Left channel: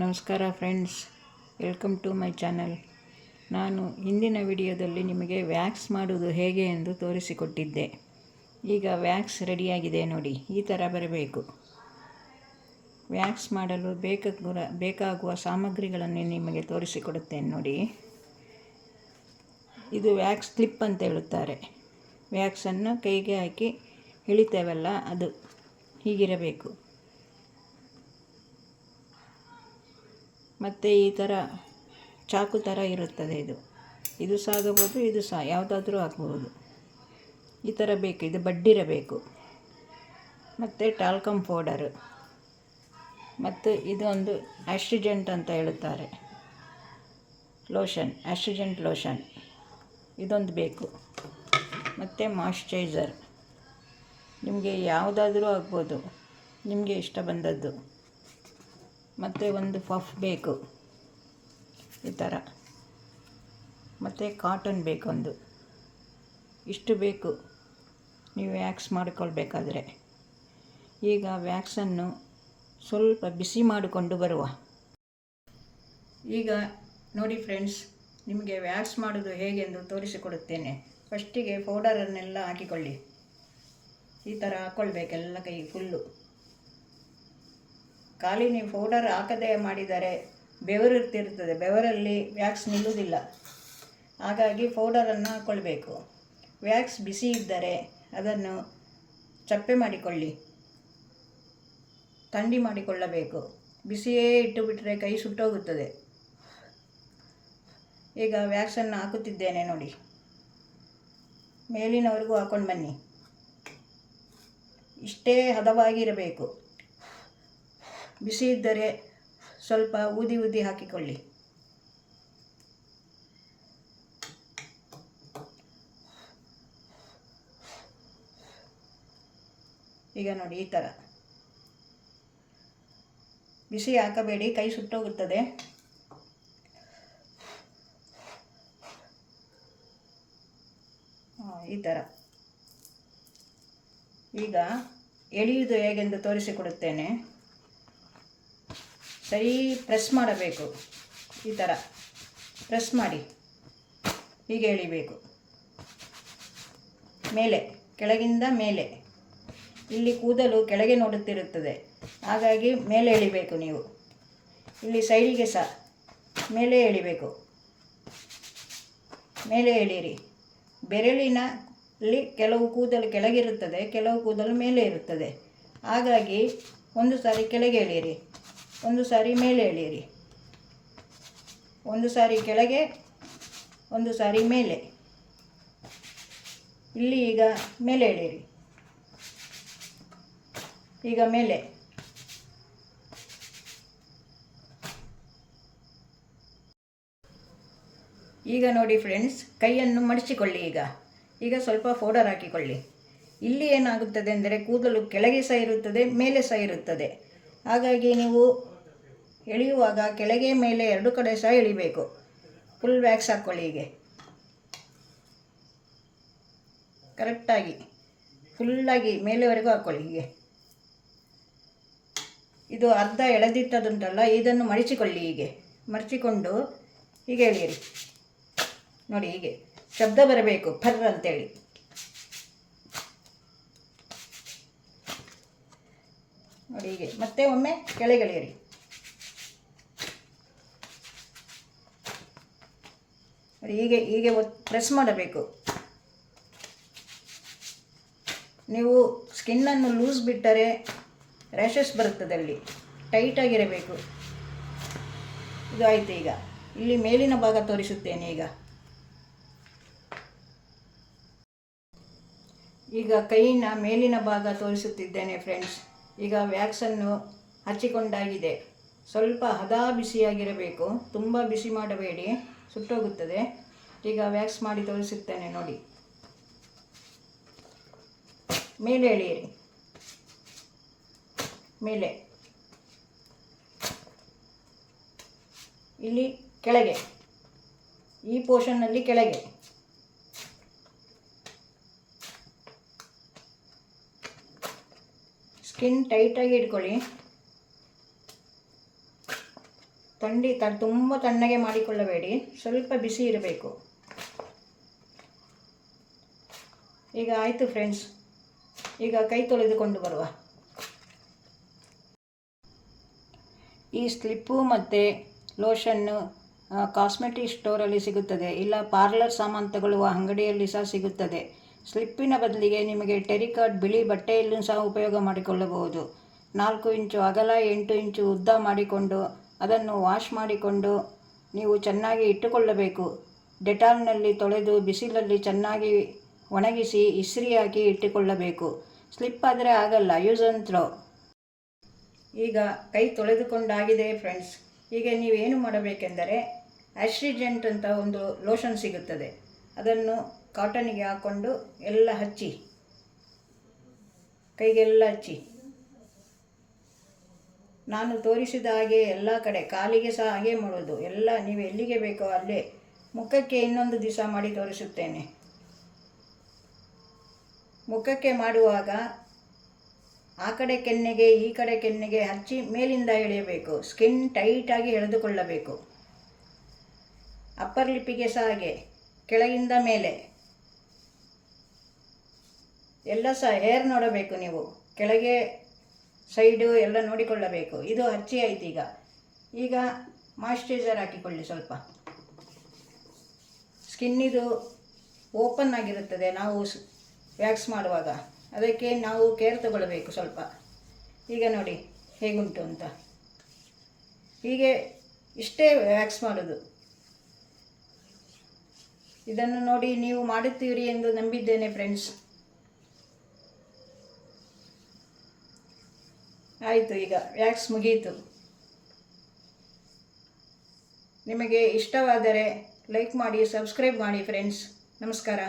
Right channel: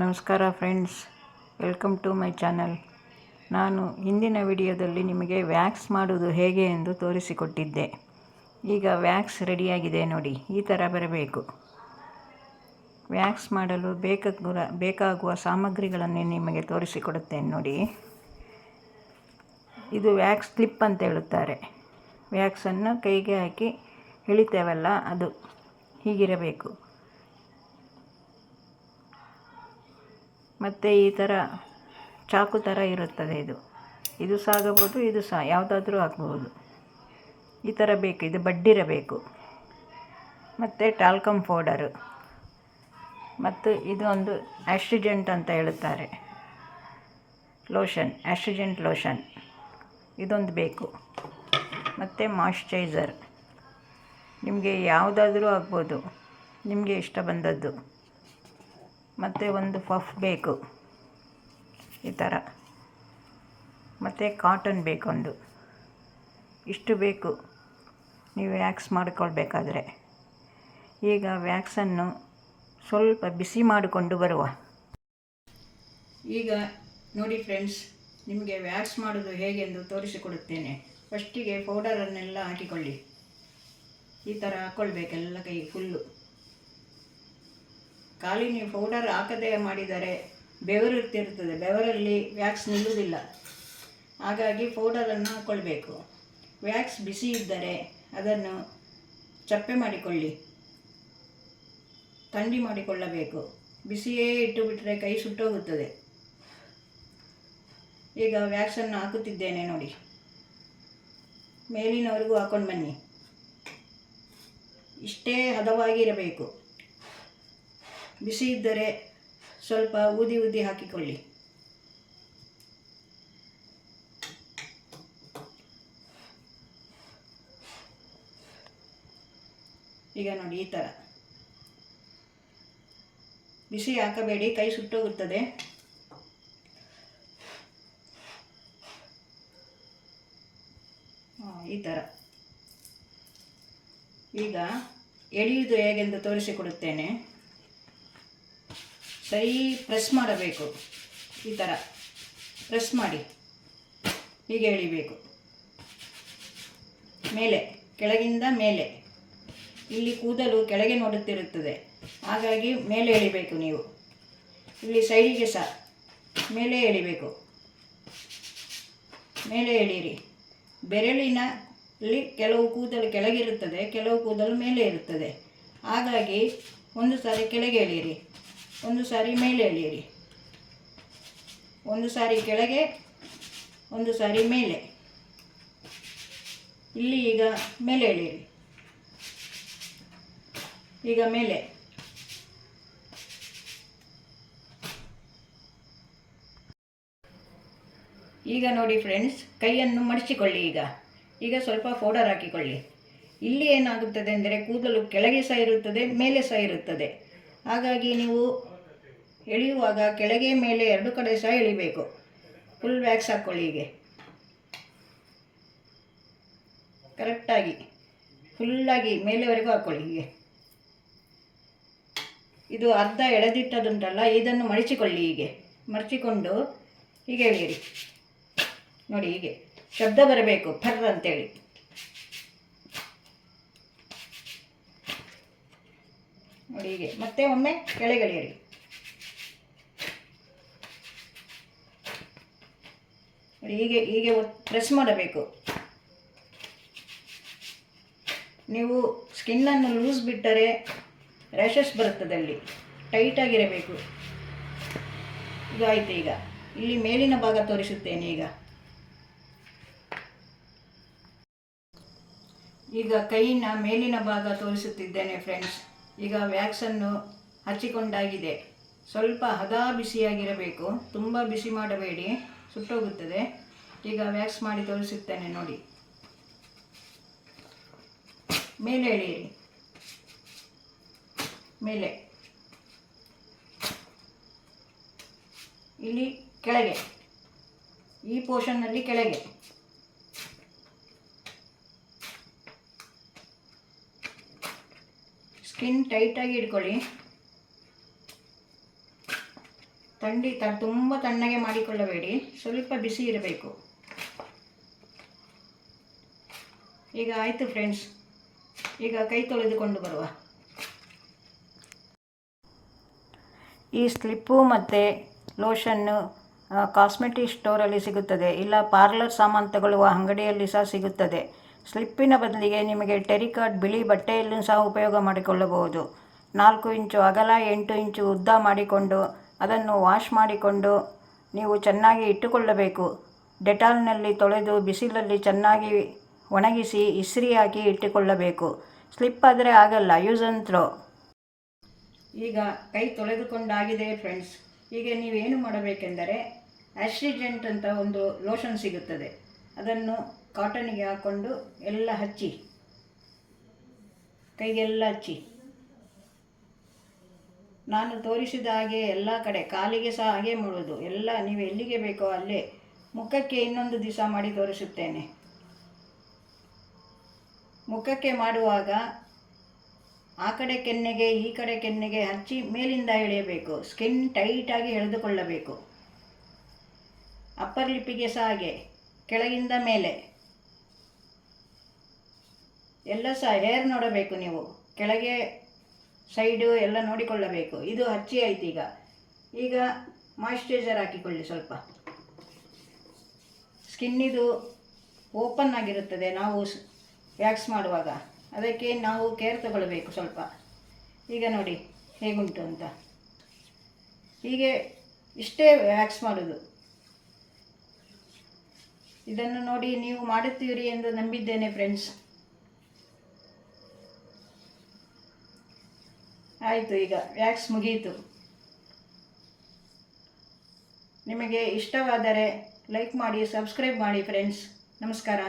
ನಮಸ್ಕಾರ friends, welcome to my channel. ನಾನು ಹಿಂದಿನ ವಿಡಿಯೋದಲ್ಲಿ ನಿಮಗೆ ವ್ಯಾಕ್ಸ್ ಮಾಡುವುದು ಹೇಗೆ ಎಂದು ತೋರಿಸಿಕೊಟ್ಟಿದ್ದೆ. ಈಗ ವ್ಯಾಕ್ಸ್ ರೆಡಿಯಾಗಿದೆ ನೋಡಿ, ಈ ಥರ ಬರಬೇಕು. ವ್ಯಾಕ್ಸ್ ಮಾಡಲು ಬೇಕಾಗುವ ಸಾಮಗ್ರಿಗಳನ್ನು ನಿಮಗೆ ತೋರಿಸಿಕೊಡುತ್ತೇನೆ ನೋಡಿ. ಇದು ವ್ಯಾಕ್ಸ್ ಕ್ಲಿಪ್ ಅಂತ ಹೇಳುತ್ತಾರೆ. ವ್ಯಾಕ್ಸನ್ನು ಕೈಗೆ ಹಾಕಿ ಎಳಿತೇವಲ್ಲ, ಅದು ಹೀಗಿರಬೇಕು. ಮತ್ತು ಈ ಥರ ಚಾಕು ಥರ ಇರುತ್ತದೆ. ಇದು ಸಹ ಆಗಬಹುದು, ಇದು ಸಹ ಯಾವುದಾದ್ರೂ ಆಗಬಹುದು. ಈ ಥರ ಬೇಕು, ಇದು ಬಡ್ಡಿರಬೇಕು. ಮತ್ತು ಟಾಲ್ಕಮ್ ಪೌಡರು, ಮತ್ತು ಇದು ಒಂದು ಆಸ್ಟ್ರಿಜೆಂಟ್ ಅಂತ ಹೇಳುತ್ತಾರೆ ಲೋಷನ್, ಆಸ್ಟ್ರಿಜೆಂಟ್ ಲೋಷನ್ ಇದೊಂದು ಬೇಕು. ಮತ್ತು ಮಾಯ್ಶ್ಚರೈಸರ್, ನಿಮಗೆ ಯಾವುದಾದ್ರೂ ಆಗ್ಬೋದು, ನಿಮಗೆ ಇಷ್ಟ ಬಂದದ್ದು. ಮತ್ತು ಒಂದು ಪಫ್ ಬೇಕು ಈ ಥರ. ಮತ್ತು ಕಾಟನ್ ಬೇಕೊಂದು. ಇಷ್ಟು ಬೇಕು ನೀವು ವ್ಯಾಕ್ಸ್ ಮಾಡಿಕೊಳ್ಬೇಕಾದ್ರೆ. ಈಗ ವ್ಯಾಕ್ಸನ್ನು ಸ್ವಲ್ಪ ಬಿಸಿ ಮಾಡಿಕೊಂಡು ಬರುವ. ಈಗ ನೋಡಿ ಫ್ರೆಂಡ್ಸ್, ನಿಮಗೆ ವ್ಯಾಕ್ಸ್ ಮಾಡೋದು ಹೇಗೆಂದು ತೋರಿಸಿಕೊಡುತ್ತೇನೆ. ಫಸ್ಟಿಗೆ ಪೌಡರನ್ನೆಲ್ಲ ಹಾಕಿಕೊಳ್ಳಿ. ಈ ಥರ ಹಾಕ್ಕೊಳ್ಬೇಕೆಲ್ಲ ಕೈಗೆ ಫುಲ್ಲು. ಖಾಲಿ ನೀವು ಪೌಡರ್ ಹಾಕದೆ ಮಾಡಿದರೆ ಬೆವರು ಇರ್ತಿರ್ತದೆ, ಬೆವರಲ್ಲಿ ವ್ಯಾಕ್ಸ್ ನಿಲ್ಲುವುದಿಲ್ಲ. ಹಾಗಾಗಿ ಪೌಡರನ್ನು ಹಾಕ್ಕೊಳ್ಬೇಕು. ವ್ಯಾಕ್ಸ್ ಬಿಸಿ ಇದ್ದರೆ ಅದನ್ನು ಚಪ್ಪೆ ಮಾಡಿಕೊಳ್ಳಿ, ಥಂಡಿ ಮಾಡಿಕೊಳ್ಳಬೇಕು. ಬಿಸಿಯೇ ಇಟ್ಟು ಬಿಟ್ಟರೆ ಕೈ ಸುಟ್ಟೋಗುತ್ತದೆ. ಈಗ ವ್ಯಾಕ್ಸನ್ನು ಹಾಕುತ್ತಿದ್ದೇನೆ ನೋಡಿ. ಮೇಲಿನವರೆಗೂ ಹಾಕ್ಕೊಂಡು ಬನ್ನಿ. ಇಷ್ಟೇ ಹದವಾಗಿರಬೇಕು. ಬಿಸಿ ಇದ್ದರೆ ಸ್ವಲ್ಪ ಊದಿ ಹಾಕಿಕೊಳ್ಳಿ. ಈಗ ನೋಡಿ ಈ ಥರ ಬಿಸಿ ಹಾಕಬೇಡಿ, ಕೈ ಸುಟ್ಟೋಗುತ್ತದೆ. ಈ ಥರ. ಈಗ ಎಳೆಯುವುದು ಹೇಗೆಂದು ತೋರಿಸಿಕೊಡುತ್ತೇನೆ. ಸರಿ ಪ್ರೆಸ್ ಮಾಡಬೇಕು. ಈ ಥರ ಪ್ರೆಸ್ ಮಾಡಿ ಹೀಗೆ ಎಳಿಬೇಕು. ಮೇಲೆ, ಕೆಳಗಿಂದ ಮೇಲೆ. ಇಲ್ಲಿ ಕೂದಲು ಕೆಳಗೆ ನೋಡುತ್ತಿರುತ್ತದೆ, ಹಾಗಾಗಿ ಮೇಲೆ ಎಳಿಬೇಕು ನೀವು. ಇಲ್ಲಿ ಸೈಡಿಗೆ ಸಹ ಮೇಲೆ ಎಳಿಬೇಕು. ಮೇಲೆ ಎಳೀರಿ. ಬೆರಳಿನಲ್ಲಿ ಕೆಲವು ಕೂದಲು ಕೆಳಗಿರುತ್ತದೆ, ಕೆಲವು ಕೂದಲು ಮೇಲೆ ಇರುತ್ತದೆ. ಹಾಗಾಗಿ ಒಂದು ಸಾರಿ ಕೆಳಗೆ ಎಳೀರಿ, ಒಂದು ಸಾರಿ ಮೇಲೆ ಎಳೆಯಿರಿ. ಒಂದು ಸಾರಿ ಕೆಳಗೆ, ಒಂದು ಸಾರಿ ಮೇಲೆ. ಇಲ್ಲಿ ಈಗ ಮೇಲೆ ಎಳೆಯಿರಿ. ಈಗ ಮೇಲೆ. ಈಗ ನೋಡಿ ಫ್ರೆಂಡ್ಸ್, ಕೈಯನ್ನು ಮಡಚಿಕೊಳ್ಳಿ. ಈಗ ಸ್ವಲ್ಪ ಪೌಡರ್ ಹಾಕಿಕೊಳ್ಳಿ. ಇಲ್ಲಿ ಏನಾಗುತ್ತದೆ ಅಂದರೆ ಕೂದಲು ಕೆಳಗೆ ಸಹ ಇರುತ್ತದೆ, ಮೇಲೆ ಸಹ ಇರುತ್ತದೆ. ಹಾಗಾಗಿ ನೀವು ಎಳೆಯುವಾಗ ಕೆಳಗೆ ಮೇಲೆ ಎರಡು ಕಡೆ ಸಹ ಎಳಿಬೇಕು. ಫುಲ್ ವ್ಯಾಕ್ಸ್ ಹಾಕ್ಕೊಳ್ಳಿ. ಹೀಗೆ ಕರೆಕ್ಟಾಗಿ ಫುಲ್ಲಾಗಿ ಮೇಲೆವರೆಗೂ ಹಾಕ್ಕೊಳ್ಳಿ. ಹೀಗೆ ಇದು ಅರ್ಧ ಎಳೆದಿಟ್ಟದುಂಟಲ್ಲ, ಇದನ್ನು ಮಡಚಿಕೊಳ್ಳಿ. ಹೀಗೆ ಮಡಚಿಕೊಂಡು ಹೀಗೆ ಎಳೆಯಿರಿ ನೋಡಿ. ಹೀಗೆ ಶಬ್ದ ಬರಬೇಕು, ಫರ್ ಅಂತೇಳಿ. ನೋಡಿ ಹೀಗೆ. ಮತ್ತೆ ಒಮ್ಮೆ ಕೆಳಗೆ ಎಳೆಯಿರಿ. ಹೀಗೆ ಪ್ರೆಸ್ ಮಾಡಬೇಕು. ನೀವು ಸ್ಕಿನ್ನನ್ನು ಲೂಸ್ ಬಿಟ್ಟರೆ ರ್ಯಾಷಸ್ ಬರುತ್ತದೆ. ಅಲ್ಲಿ ಟೈಟಾಗಿರಬೇಕು. ಇದು ಆಯಿತು. ಈಗ ಇಲ್ಲಿ ಮೇಲಿನ ಭಾಗ ತೋರಿಸುತ್ತೇನೆ. ಈಗ ಕೈಯಿನ ಮೇಲಿನ ಭಾಗ ತೋರಿಸುತ್ತಿದ್ದೇನೆ ಫ್ರೆಂಡ್ಸ್. ಈಗ ವ್ಯಾಕ್ಸನ್ನು ಹಚ್ಚಿಕೊಂಡಾಗಿದೆ. ಸ್ವಲ್ಪ ಹದ ಬಿಸಿಯಾಗಿರಬೇಕು, ತುಂಬ ಬಿಸಿ ಮಾಡಬೇಡಿ, ಸುಟ್ಟೋಗುತ್ತದೆ. ಈಗ ವ್ಯಾಕ್ಸ್ ಮಾಡಿ ತೋರಿಸುತ್ತೇನೆ ನೋಡಿ. ಮೇಲೆ ಎಳೆಯಿರಿ. ಮೇಲೆ. ಇಲ್ಲಿ ಕೆಳಗೆ, ಈ ಪೋರ್ಷನ್ನಲ್ಲಿ ಕೆಳಗೆ. ಸ್ಕಿನ್ ಟೈಟಾಗಿ ಇಟ್ಕೊಳ್ಳಿ. ತುಂಬ ತಣ್ಣಗೆ ಮಾಡಿಕೊಳ್ಳಬೇಡಿ, ಸ್ವಲ್ಪ ಬಿಸಿ ಇರಬೇಕು. ಈಗ ಆಯಿತು ಫ್ರೆಂಡ್ಸ್, ಈಗ ಕೈ ತೊಳೆದುಕೊಂಡು ಬರುವ. ಈ ಸ್ಲಿಪ್ಪು ಮತ್ತು ಲೋಷನ್ನು ಕಾಸ್ಮೆಟಿಕ್ ಸ್ಟೋರಲ್ಲಿ ಸಿಗುತ್ತದೆ, ಇಲ್ಲ ಪಾರ್ಲರ್ ಸಾಮಾನು ತಗೊಳ್ಳುವ ಅಂಗಡಿಯಲ್ಲಿ ಸಹ ಸಿಗುತ್ತದೆ. ಸ್ಲಿಪ್ಪಿನ ಬದಲಿಗೆ ನಿಮಗೆ ಟೆರಿಕಾಟ್ ಬಿಳಿ ಬಟ್ಟೆಯಲ್ಲೂ ಸಹ ಉಪಯೋಗ ಮಾಡಿಕೊಳ್ಳಬಹುದು. 4 ಇಂಚು ಅಗಲ 8 ಇಂಚು ಉದ್ದ ಮಾಡಿಕೊಂಡು ಅದನ್ನು ವಾಶ್ ಮಾಡಿಕೊಂಡು ನೀವು ಚೆನ್ನಾಗಿ ಇಟ್ಟುಕೊಳ್ಳಬೇಕು. ಡೆಟಾಲ್ನಲ್ಲಿ ತೊಳೆದು ಬಿಸಿಲಲ್ಲಿ ಚೆನ್ನಾಗಿ ಒಣಗಿಸಿ ಇಸ್ತ್ರಿ ಹಾಕಿ ಇಟ್ಟುಕೊಳ್ಳಬೇಕು. ಸ್ಲಿಪ್ ಆದರೆ ಆಗಲ್ಲ, ಯೂಸ್ ಆ್ಯಂಡ್ ಥ್ರೋ. ಈಗ ಕೈ ತೊಳೆದುಕೊಂಡಾಗಿದೆ ಫ್ರೆಂಡ್ಸ್. ಈಗ ನೀವೇನು ಮಾಡಬೇಕೆಂದರೆ ಆಸ್ಟ್ರಿಜೆಂಟ್ ಅಂತ ಒಂದು ಲೋಷನ್ ಸಿಗುತ್ತದೆ, ಅದನ್ನು ಕಾಟನಿಗೆ ಹಾಕ್ಕೊಂಡು ಎಲ್ಲ ಹಚ್ಚಿ, ಕೈಗೆಲ್ಲ ಹಚ್ಚಿ. ನಾನು ತೋರಿಸಿದ ಹಾಗೆ ಎಲ್ಲ ಕಡೆ, ಕಾಲಿಗೆ ಸಹ ಹಾಗೆ ಮಾಡೋದು. ಎಲ್ಲ ನೀವು ಎಲ್ಲಿಗೆ ಬೇಕೋ ಅಲ್ಲೇ. ಮುಖಕ್ಕೆ ಇನ್ನೊಂದು ದಿವಸ ಮಾಡಿ ತೋರಿಸುತ್ತೇನೆ. ಮುಖಕ್ಕೆ ಮಾಡುವಾಗ ಆ ಕಡೆ ಕೆನ್ನೆಗೆ ಈ ಕಡೆ ಕೆನ್ನೆಗೆ ಹಚ್ಚಿ ಮೇಲಿಂದ ಎಳೆಯಬೇಕು. ಸ್ಕಿನ್ ಟೈಟಾಗಿ ಎಳೆದುಕೊಳ್ಳಬೇಕು. ಅಪ್ಪರ್ ಲಿಪ್ಪಿಗೆ ಸಹ ಹಾಗೆ, ಕೆಳಗಿಂದ ಮೇಲೆ ಎಲ್ಲ ಸಹ ಹೇರ್ ನೋಡಬೇಕು ನೀವು, ಕೆಳಗೆ ಸೈಡು ಎಲ್ಲ ನೋಡಿಕೊಳ್ಳಬೇಕು. ಇದು ಹಚ್ಚಿ ಆಯ್ತು. ಈಗ ಮಾಯಿಶ್ಚರೈಸರ್ ಹಾಕಿಕೊಳ್ಳಿ ಸ್ವಲ್ಪ. ಸ್ಕಿನ್ನಿದು ಓಪನ್ ಆಗಿರುತ್ತದೆ ನಾವು ವ್ಯಾಕ್ಸ್ ಮಾಡುವಾಗ, ಅದಕ್ಕೆ ನಾವು ಕೇರ್ ತಗೊಳ್ಬೇಕು ಸ್ವಲ್ಪ. ಈಗ ನೋಡಿ ಹೇಗುಂಟು ಅಂತ. ಹೀಗೆ ಇಷ್ಟೇ ವ್ಯಾಕ್ಸ್ ಮಾಡೋದು. ಇದನ್ನು ನೋಡಿ ನೀವು ಮಾಡುತ್ತೀರಿ ಎಂದು ನಂಬಿದ್ದೇನೆ ಫ್ರೆಂಡ್ಸ್. ಆಯಿತು, ಈಗ ವ್ಯಾಕ್ಸ್ ಮುಗಿಯಿತು. ನಿಮಗೆ ಇಷ್ಟವಾದರೆ ಲೈಕ್ ಮಾಡಿ, ಸಬ್ಸ್ಕ್ರೈಬ್ ಮಾಡಿ ಫ್ರೆಂಡ್ಸ್. ನಮಸ್ಕಾರ.